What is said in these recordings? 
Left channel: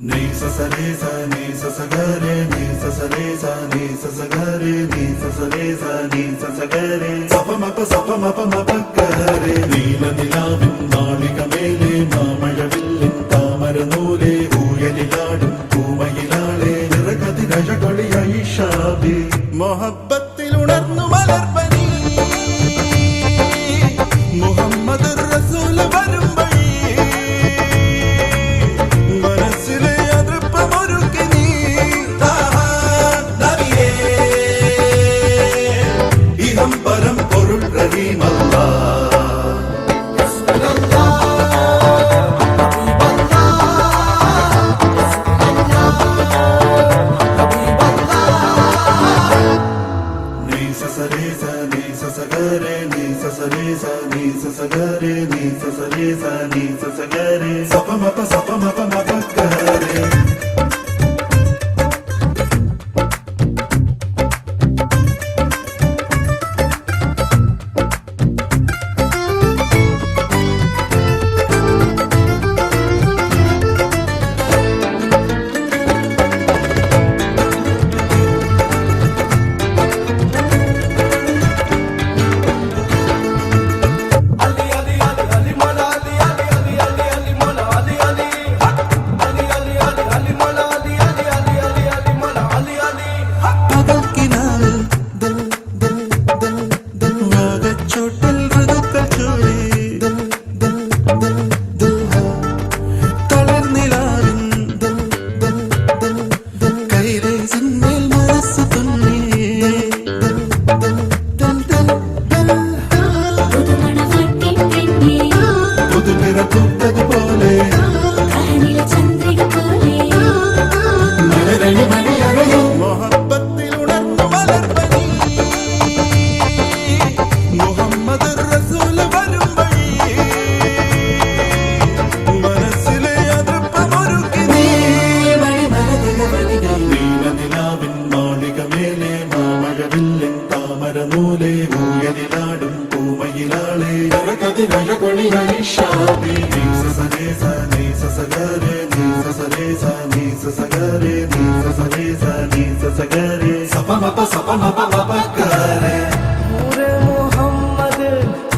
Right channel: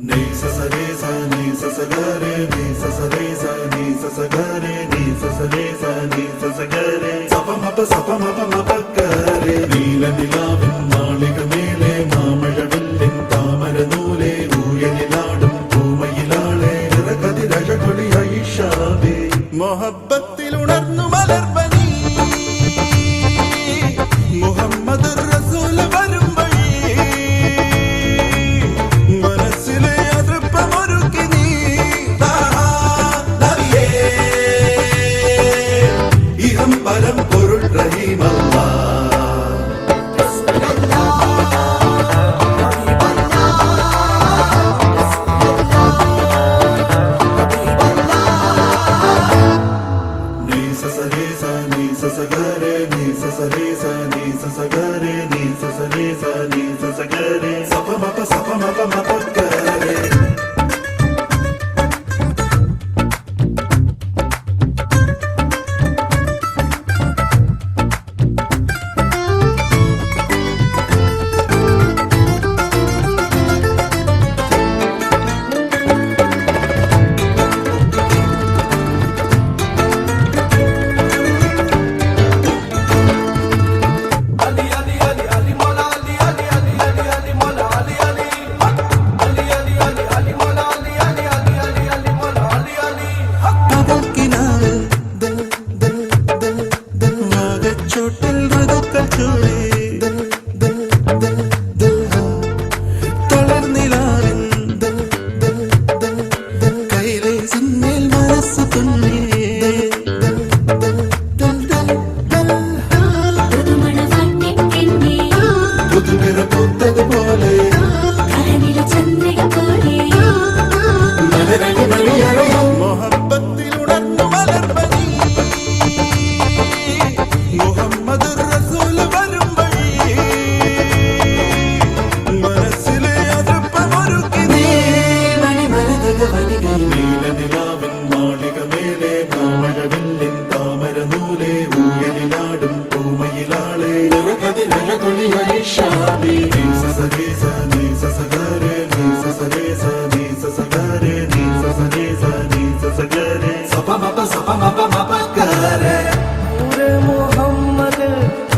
Ni sa sa re sa ni sa sa ga re ni sa sa re sa ni sa sa ga re ni sa sa re sa ni sa sa ga re sa pa ma pa ga re നീല നിലാവിൻ മാളികമേലെ മാമഴവില്ലിൻ താമരനൂലെ ഊയലിലാടും പൂമയിലാളെ നിറകതിരഴകൊളിയായി ഷാബി മൊഹബ്ബത്തിൽ ഉണർന്നു മലർപ്പനി മുഹമ്മദ് റസൂൽ വരും വഴി മനസ്സിലെ അതൃപ്പമൊരുക്കി നീ നബിയേ ഇഹം പരം പൊരുൾ റഹീമല്ലാ മൊഹബ്ബത്തിൽ ഉണർന്നു മലർപ്പനി മുഹമ്മദ് റസൂൽ വരും വഴി മനസ്സിലെ അതൃപ്പമൊരുക്കി നീ നീല നിലാവിൻ മാളികമേലെ മാമഴവില്ലിൻ താമരനൂലെ ഊയലിലാടും പൂമയിലാളെ നിറകതിരഴകൊളിയായി ഷാബി नूरे मोहम्मद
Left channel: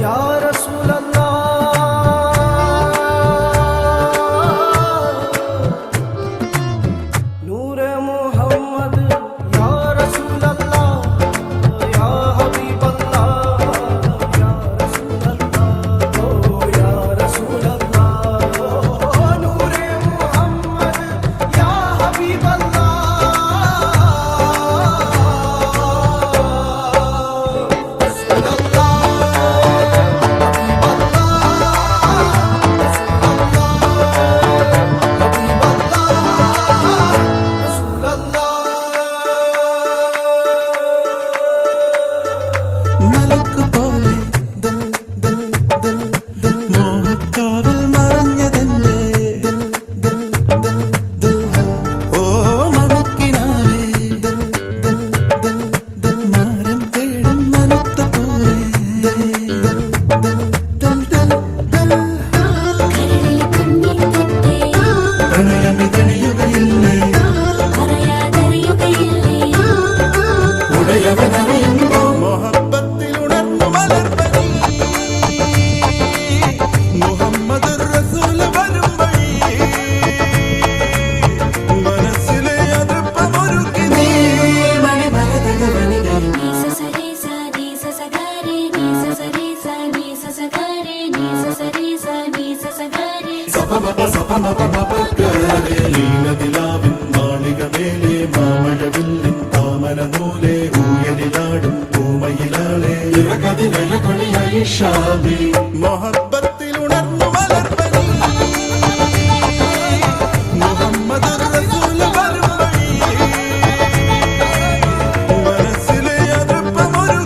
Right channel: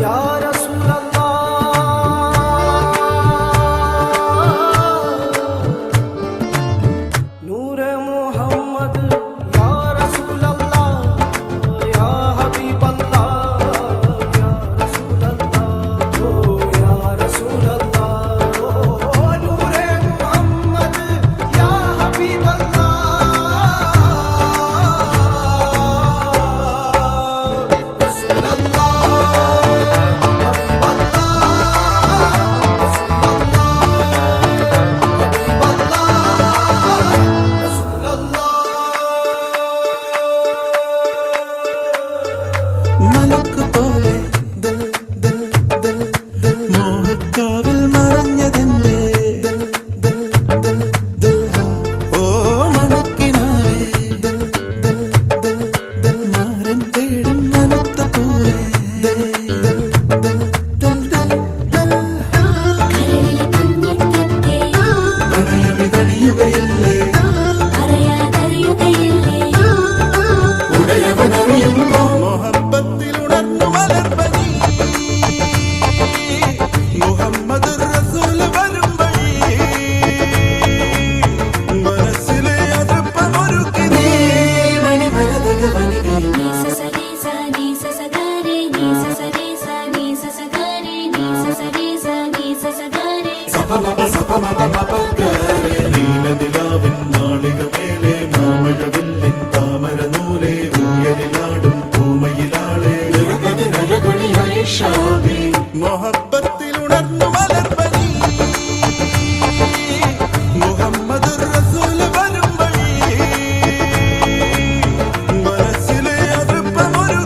या रसूल अल्लाह नूरे मोहम्मद या रसूल अल्लाह या हबीब अल्लाह या रसूल अल्लाह या रसूल अल्लाह नूरे मोहम्मद या हबीब अल्लाह മലക്ക് പോലെ മോഹക്കാവിൽ മറഞ്ഞതെന്റെ ഓ മണക്കിനാവേ മാരം തേടും മനത്ത പോലെ പ്രണയമിതഴിയുകയില്ലേ ഉടയവനറിയുന്നു മൊഹബ്ബത്തിൽ ഉണർന്നു മലർപ്പനി മുഹമ്മദ് റസൂൽ വരും വഴി മനസ്സിലെ അതൃപ്പമൊരുക്കി നീ നീലനിലാവിൻ മാളികമേലെ മാമഴവില്ലിൻ താമരനൂലെ ഊയലിലാടും പൂമയിലാളെ നിറകതിരഴകൊളിയായി ഷാബി മൊഹബ്ബത്തിൽ ഉണർന്നു മലർപ്പനി മുഹമ്മദ് റസൂൽ വരും വഴി മനസ്സിലെ അതൃപ്പമൊരു